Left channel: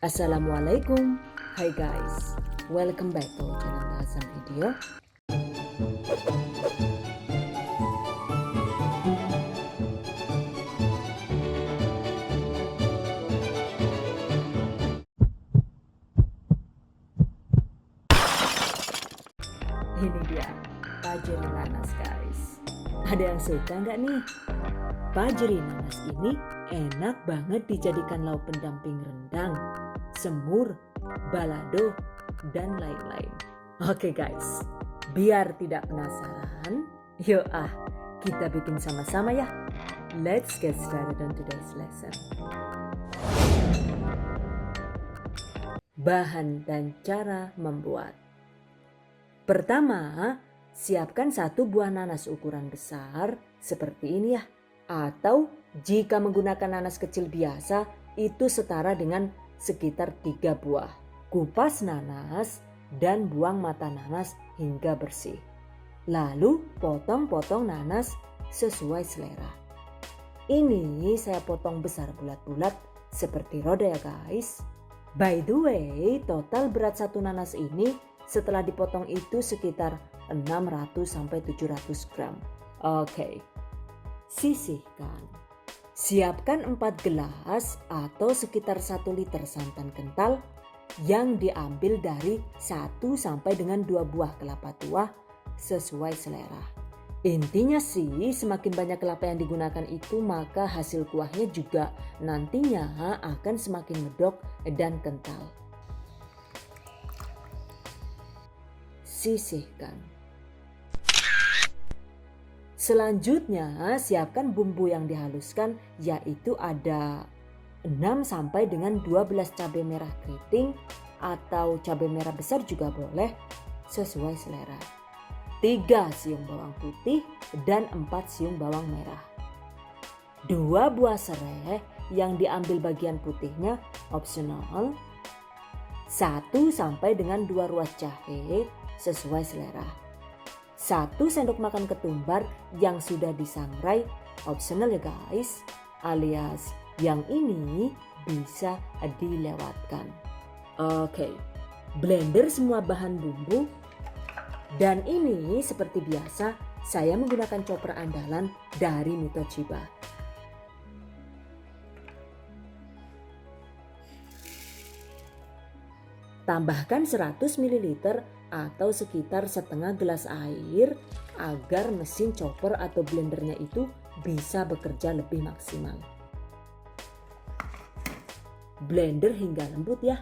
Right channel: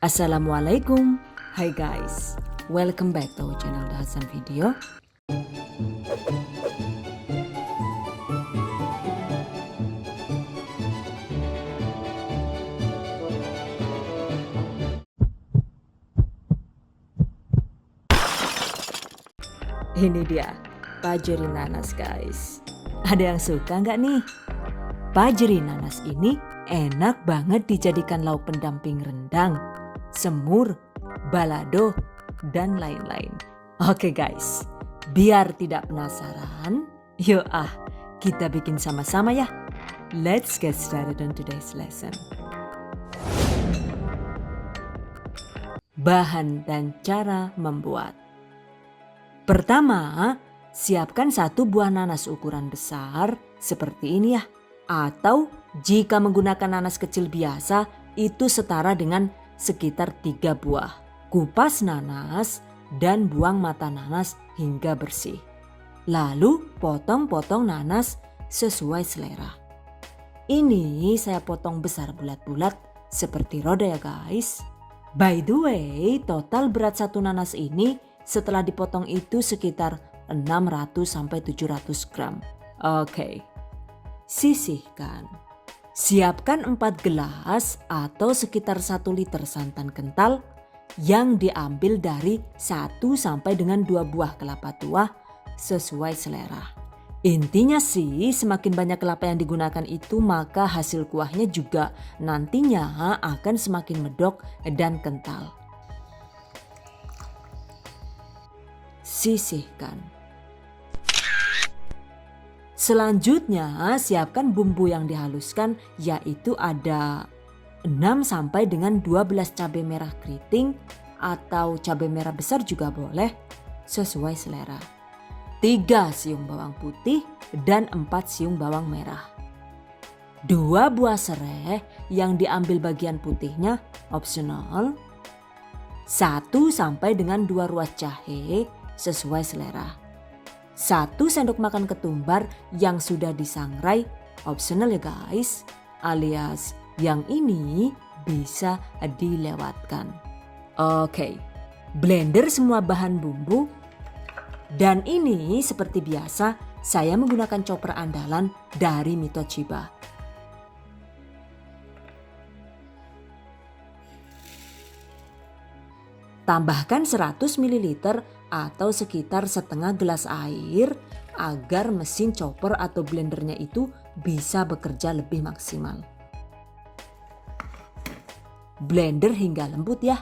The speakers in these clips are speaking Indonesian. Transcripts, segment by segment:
Assalamualaikum. Hai guys, welcome back to our channel Hasan Video. Ini dia pajeri nanas guys. Ada yang suka nggak nih? Pajeri nanas ini enak banget dijadikan lauk pendamping rendang, semur, balado, dan lain-lain. Oke guys, biar tidak penasaran, yuk kita bikin sama-sama ya. Let's get started on today's lesson. Bahan dan cara membuat. Pertama, siapkan satu buah nanas ukuran besar seperti ini ya. Atau jika menggunakan nanas kecil biasa, itu setara dengan sekitar 3 buah. Kupas nanas dan buang mata nanas hingga bersih. Lalu potong-potong nanas sesuai selera. Ini saya potong besar bulat-bulat seperti roda ya guys. By the way, total berat satu nanas ini setelah dipotong itu sekitar 600-700 gram. Oke. Sisihkan. Siapkan 4 gelas atau sekitar 1 liter santan kental yang diambil dari 1 sampai dengan 2 buah kelapa tua sesuai selera. Intinya sih semakin banyak kelapa yang digunakan itu maka hasil kuahnya juga nantinya akan semakin medok dan kental. Sisihkan. Selanjutnya siapkan bumbu yang dihaluskan yaitu ada 6 sampai dengan 12 cabai merah keriting atau cabai merah besar juga boleh sesuai selera. 3 siung bawang putih dan 4 siung bawang merah. 2 buah serai yang diambil bagian putihnya opsional. 1 sampai dengan 2 ruas jahe sesuai selera. 1 sendok makan ketumbar yang sudah disangrai opsional ya guys, alias yang ini bisa dilewatkan. Oke, blender semua bahan bumbu dan ini seperti biasa saya menggunakan chopper andalan dari Mitoshiba. Tambahkan 100 ml atau sekitar setengah gelas air agar mesin chopper atau blendernya itu bisa bekerja lebih maksimal. Blender hingga lembut ya.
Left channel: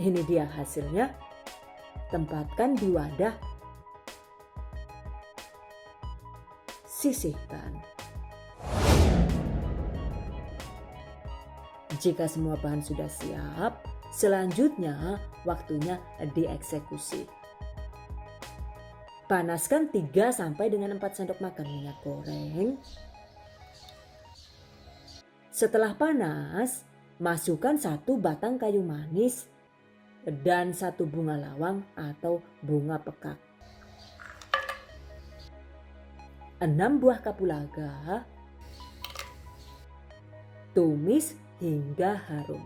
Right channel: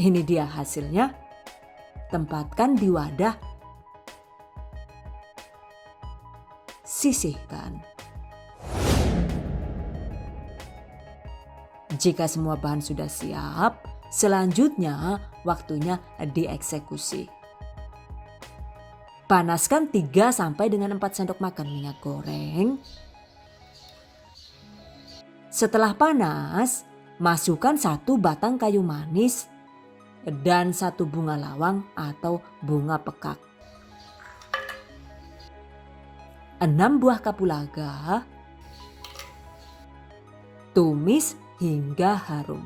Ini dia hasilnya. Tempatkan di wadah. Sisihkan. Jika semua bahan sudah siap, selanjutnya waktunya dieksekusi. Panaskan 3 sampai dengan 4 sendok makan minyak goreng. Setelah panas, masukkan 1 batang kayu manis dan 1 bunga lawang atau bunga pekak. 6 buah kapulaga. Tumis hingga harum.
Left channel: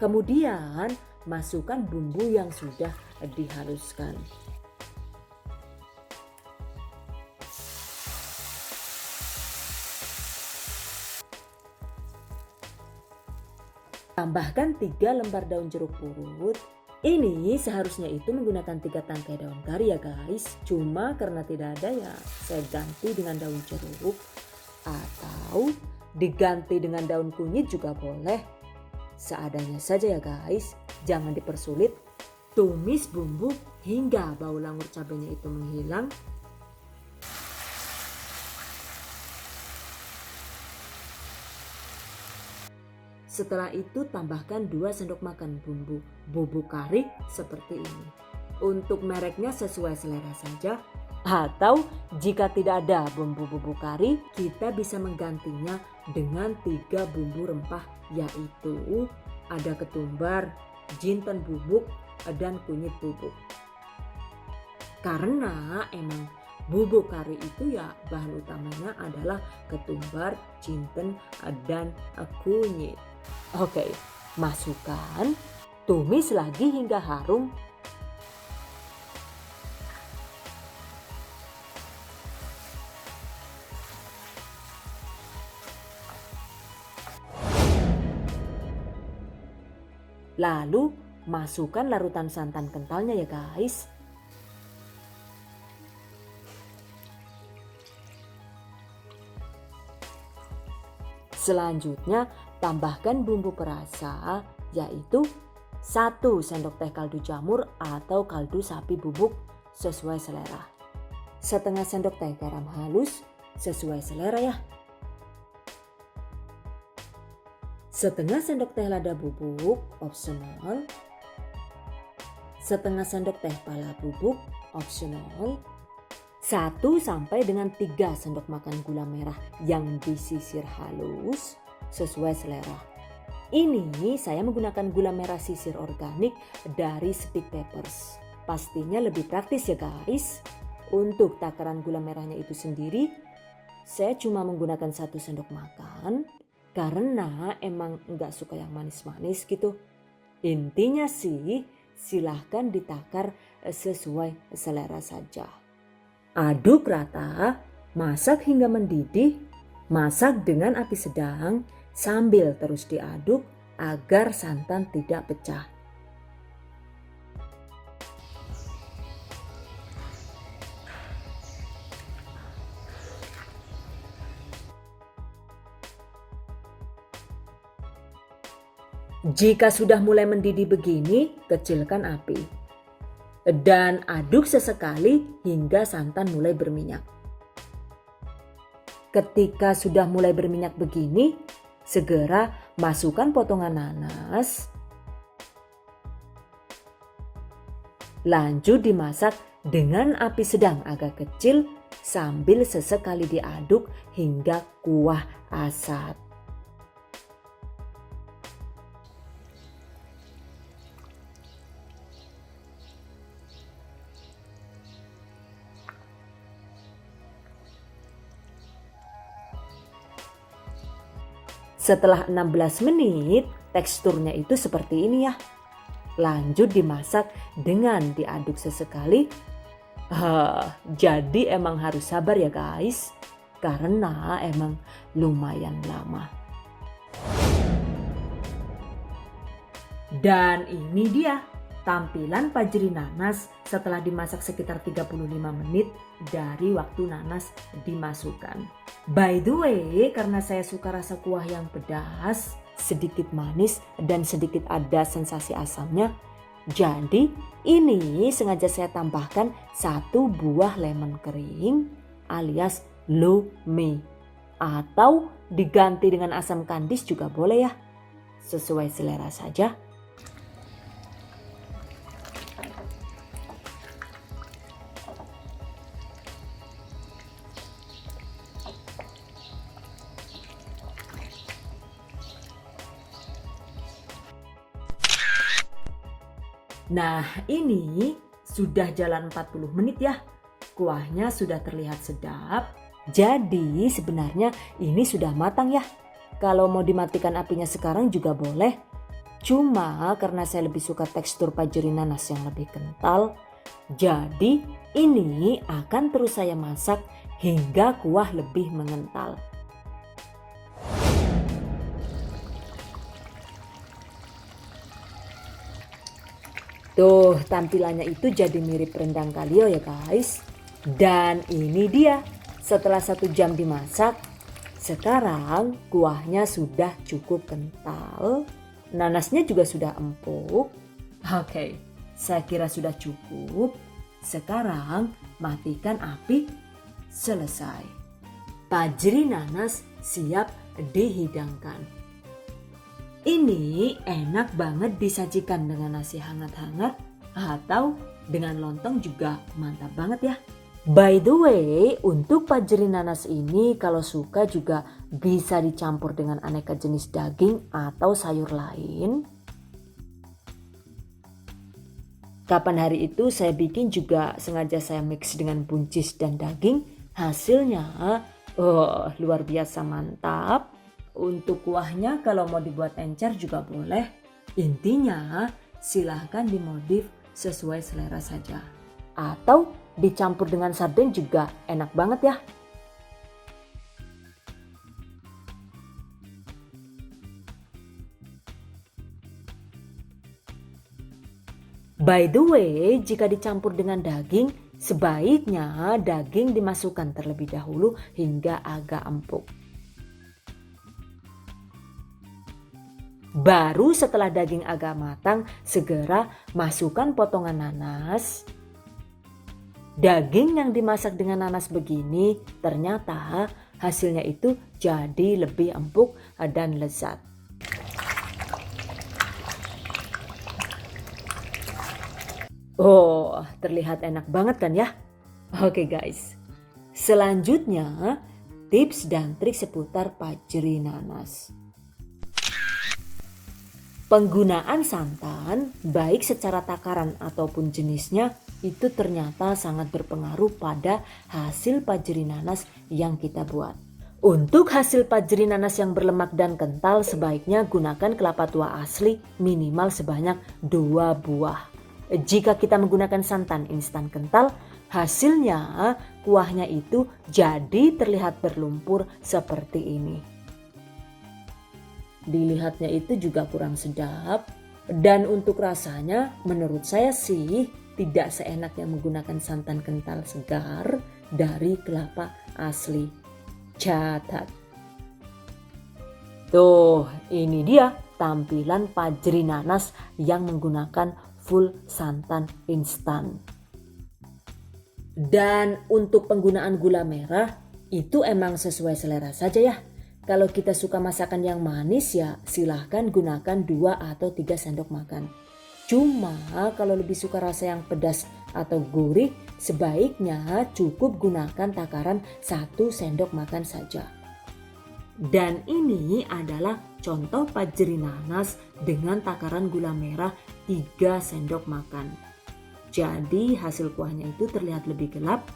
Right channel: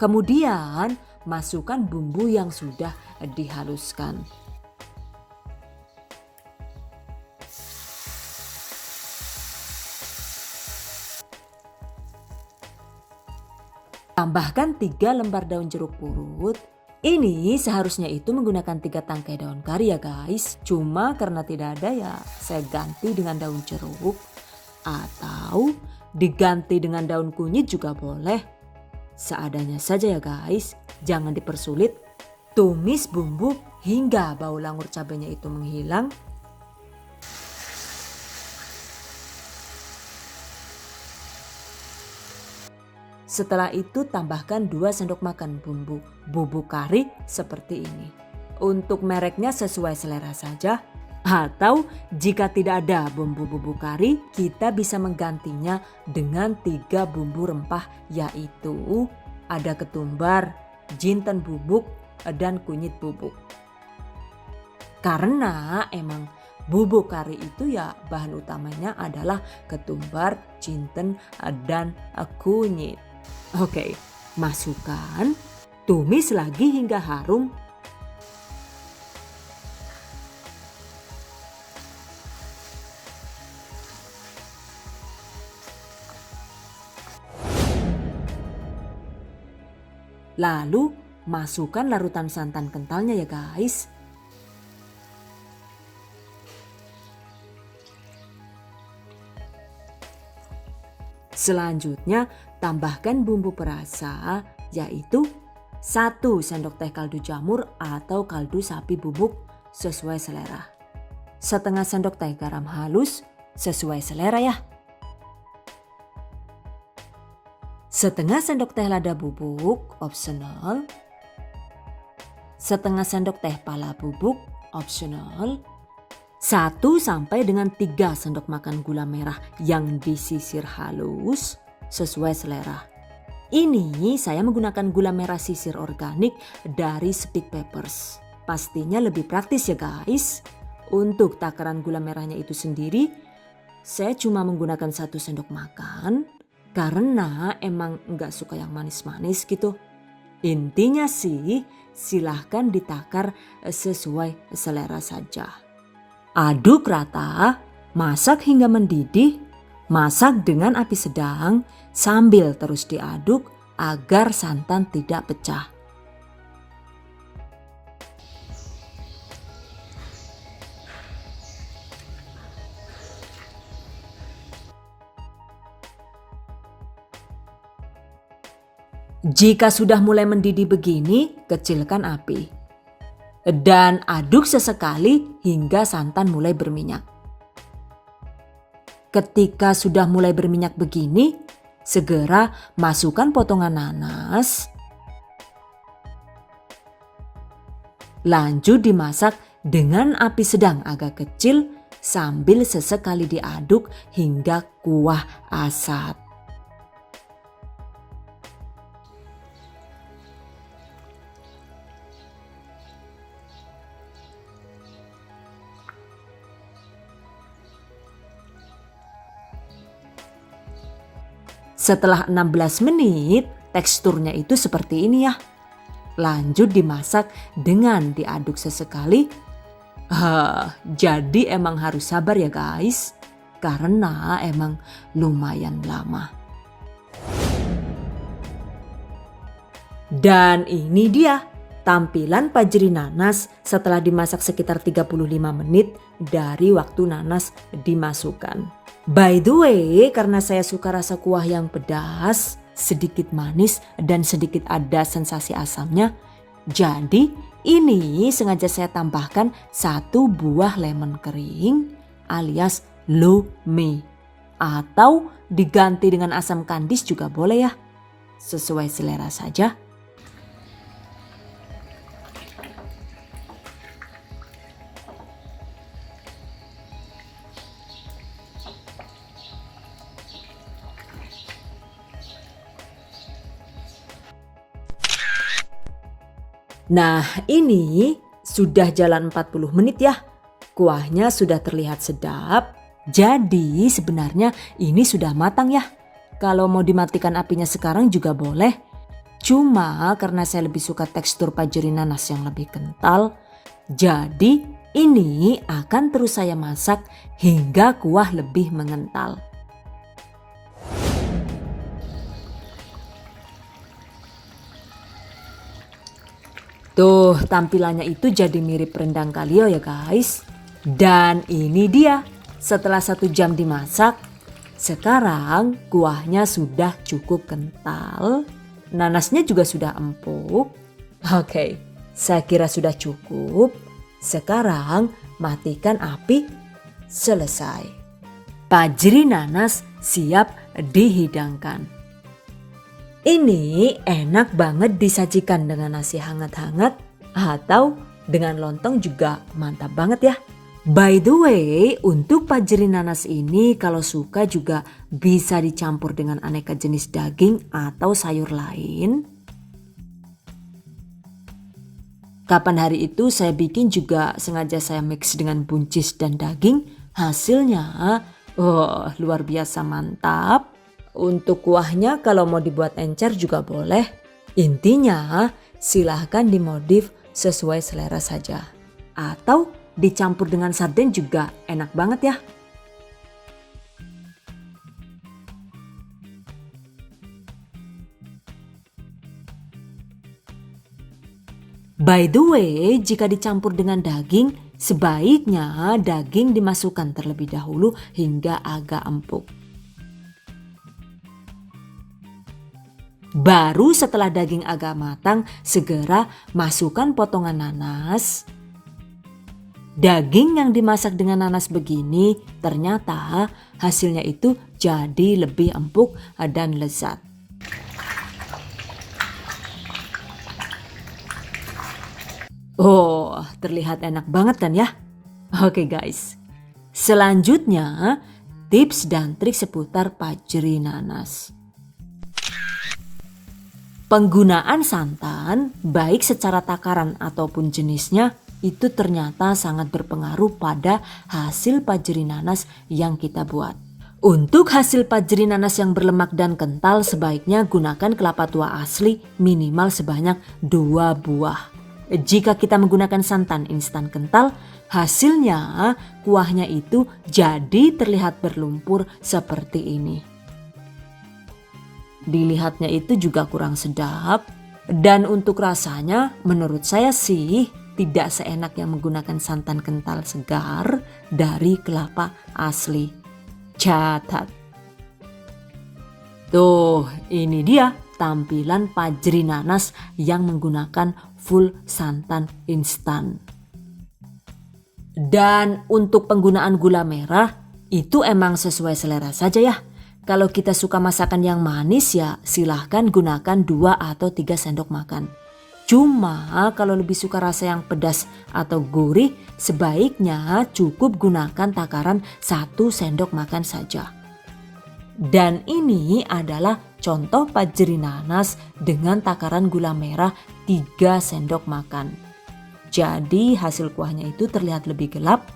Kemudian masukkan bumbu yang sudah dihaluskan. Tambahkan 3 lembar daun jeruk purut. Ini seharusnya itu menggunakan 3 tangkai daun kari ya guys. Cuma karena tidak ada ya saya ganti dengan daun jeruk. Atau diganti dengan daun kunyit juga boleh. Seadanya saja ya guys. Jangan dipersulit. Tumis bumbu hingga bau langur cabenya itu menghilang. Setelah itu tambahkan 2 sendok makan bumbu kari seperti ini. Untuk mereknya sesuai selera saja. Atau jika tidak ada bumbu-bumbu kari, kita bisa menggantinya dengan 3 bumbu rempah, yaitu ada ketumbar, jinten bubuk, dan kunyit bubuk. Karena emang bubuk kari itu ya bahan utamanya adalah ketumbar, jinten, dan kunyit. Oke, masukkan, tumis lagi hingga harum. Lalu masukkan larutan santan kentalnya ya guys. Selanjutnya tambahkan bumbu perasa, yaitu 1 sendok teh kaldu jamur atau kaldu sapi bubuk sesuai selera. Setengah sendok teh garam halus sesuai selera ya. Setengah sendok teh lada bubuk opsional. Setengah sendok teh pala bubuk opsional. 1 sampai dengan 3 sendok makan gula merah yang disisir halus sesuai selera. Ini saya menggunakan gula merah sisir organik dari Speak Papers. Pastinya lebih praktis ya guys. Untuk takaran gula merahnya itu sendiri, saya cuma menggunakan 1 sendok makan. Karena emang nggak suka yang manis-manis gitu. Intinya sih silahkan ditakar sesuai selera saja. Aduk rata, masak hingga mendidih, masak dengan api sedang sambil terus diaduk agar santan tidak pecah. Jika sudah mulai mendidih begini, kecilkan api. Dan aduk sesekali hingga santan mulai berminyak. Ketika sudah mulai berminyak begini, segera masukkan potongan nanas. Lanjut dimasak dengan api sedang agak kecil sambil sesekali diaduk hingga kuah asat. Setelah 16 menit, teksturnya itu seperti ini ya. Lanjut dimasak dengan diaduk sesekali. Jadi emang harus sabar ya guys, karena emang lumayan lama. Dan ini dia tampilan pajri nanas setelah dimasak sekitar 35 menit dari waktu nanas dimasukkan. By the way, karena saya suka rasa kuah yang pedas, sedikit manis dan sedikit ada sensasi asamnya, jadi ini sengaja saya tambahkan 1 buah lemon kering alias lo mei. Atau diganti dengan asam kandis juga boleh ya, sesuai selera saja. Nah ini sudah jalan 40 menit ya. Kuahnya sudah terlihat sedap. Jadi sebenarnya ini sudah matang ya. Kalau mau dimatikan apinya sekarang juga boleh. Cuma karena saya lebih suka tekstur pajri nanas yang lebih kental. Jadi ini akan terus saya masak hingga kuah lebih mengental. Tuh tampilannya itu jadi mirip rendang kalio ya guys. Dan ini dia setelah 1 jam dimasak. Sekarang kuahnya sudah cukup kental. Nanasnya juga sudah empuk. Oke, saya kira sudah cukup. Sekarang matikan api. Selesai. Pajri nanas siap dihidangkan. Ini enak banget disajikan dengan nasi hangat-hangat atau dengan lontong juga mantap banget ya. By the way, untuk pajeri nanas ini kalau suka juga bisa dicampur dengan aneka jenis daging atau sayur lain. Kapan hari itu saya bikin juga sengaja saya mix dengan buncis dan daging. Hasilnya luar biasa mantap. Untuk kuahnya kalau mau dibuat encer juga boleh. Intinya silahkan dimodif sesuai selera saja. Atau dicampur dengan sarden juga enak banget ya. By the way, jika dicampur dengan daging, sebaiknya daging dimasukkan terlebih dahulu hingga agak empuk. Baru setelah daging agak matang, segera masukkan potongan nanas. Daging yang dimasak dengan nanas begini ternyata hasilnya itu jadi lebih empuk dan lezat. Terlihat enak banget kan ya? Oke guys, selanjutnya tips dan trik seputar pajeri nanas. Penggunaan santan baik secara takaran ataupun jenisnya itu ternyata sangat berpengaruh pada hasil pajeri nanas yang kita buat. Untuk hasil pajeri nanas yang berlemak dan kental sebaiknya gunakan kelapa tua asli minimal sebanyak 2 buah. Jika kita menggunakan santan instan kental, hasilnya kuahnya itu jadi terlihat berlumpur seperti ini. Dilihatnya itu juga kurang sedap. Dan untuk rasanya menurut saya sih tidak seenak yang menggunakan santan kental segar dari kelapa asli. Catat. Tuh, ini dia tampilan pajeri nanas yang menggunakan full santan instan. Dan untuk penggunaan gula merah itu emang sesuai selera saja ya. Kalau kita suka masakan yang manis ya silahkan gunakan 2 atau 3 sendok makan. Cuma kalau lebih suka rasa yang pedas atau gurih sebaiknya cukup gunakan takaran 1 sendok makan saja. Dan ini adalah contoh pajeri nanas dengan takaran gula merah 3 sendok makan. Jadi hasil kuahnya itu terlihat lebih gelap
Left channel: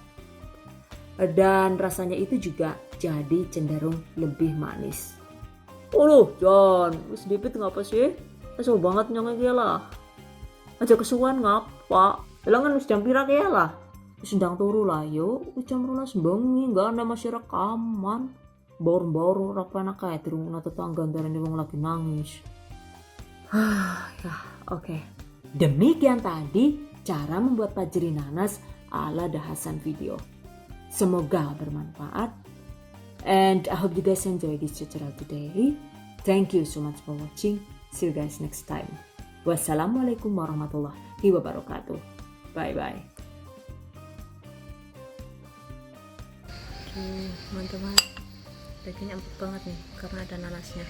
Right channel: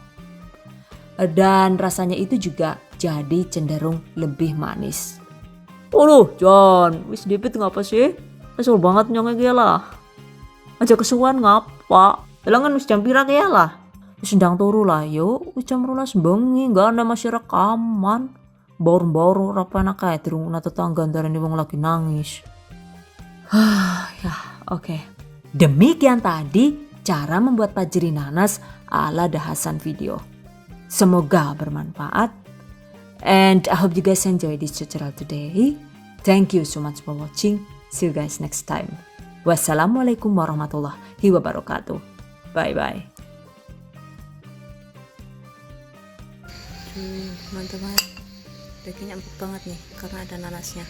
dan rasanya itu juga jadi cenderung lebih manis. John, wis dipit ngapa sih? Kesel banget nyongnya dia lah. Aja kesuwan ngapa? Elangan wis jam pira ya lah. Wis ndang turu lah yo, wis jam 12 bengi, enggak ada masih rekaman. Baru-baru rapana kae dirungokno tetangga antarane wong lagi nangis. Oke. Demikian tadi cara membuat pajeri nanas ala dahasan video. Semoga bermanfaat. And I hope you guys enjoy this tutorial today. Thank you so much for watching. See you guys next time. Wassalamualaikum warahmatullahi wabarakatuh. Bye-bye. Mantap banget. Dagingnya empuk banget nih karena ada nanasnya.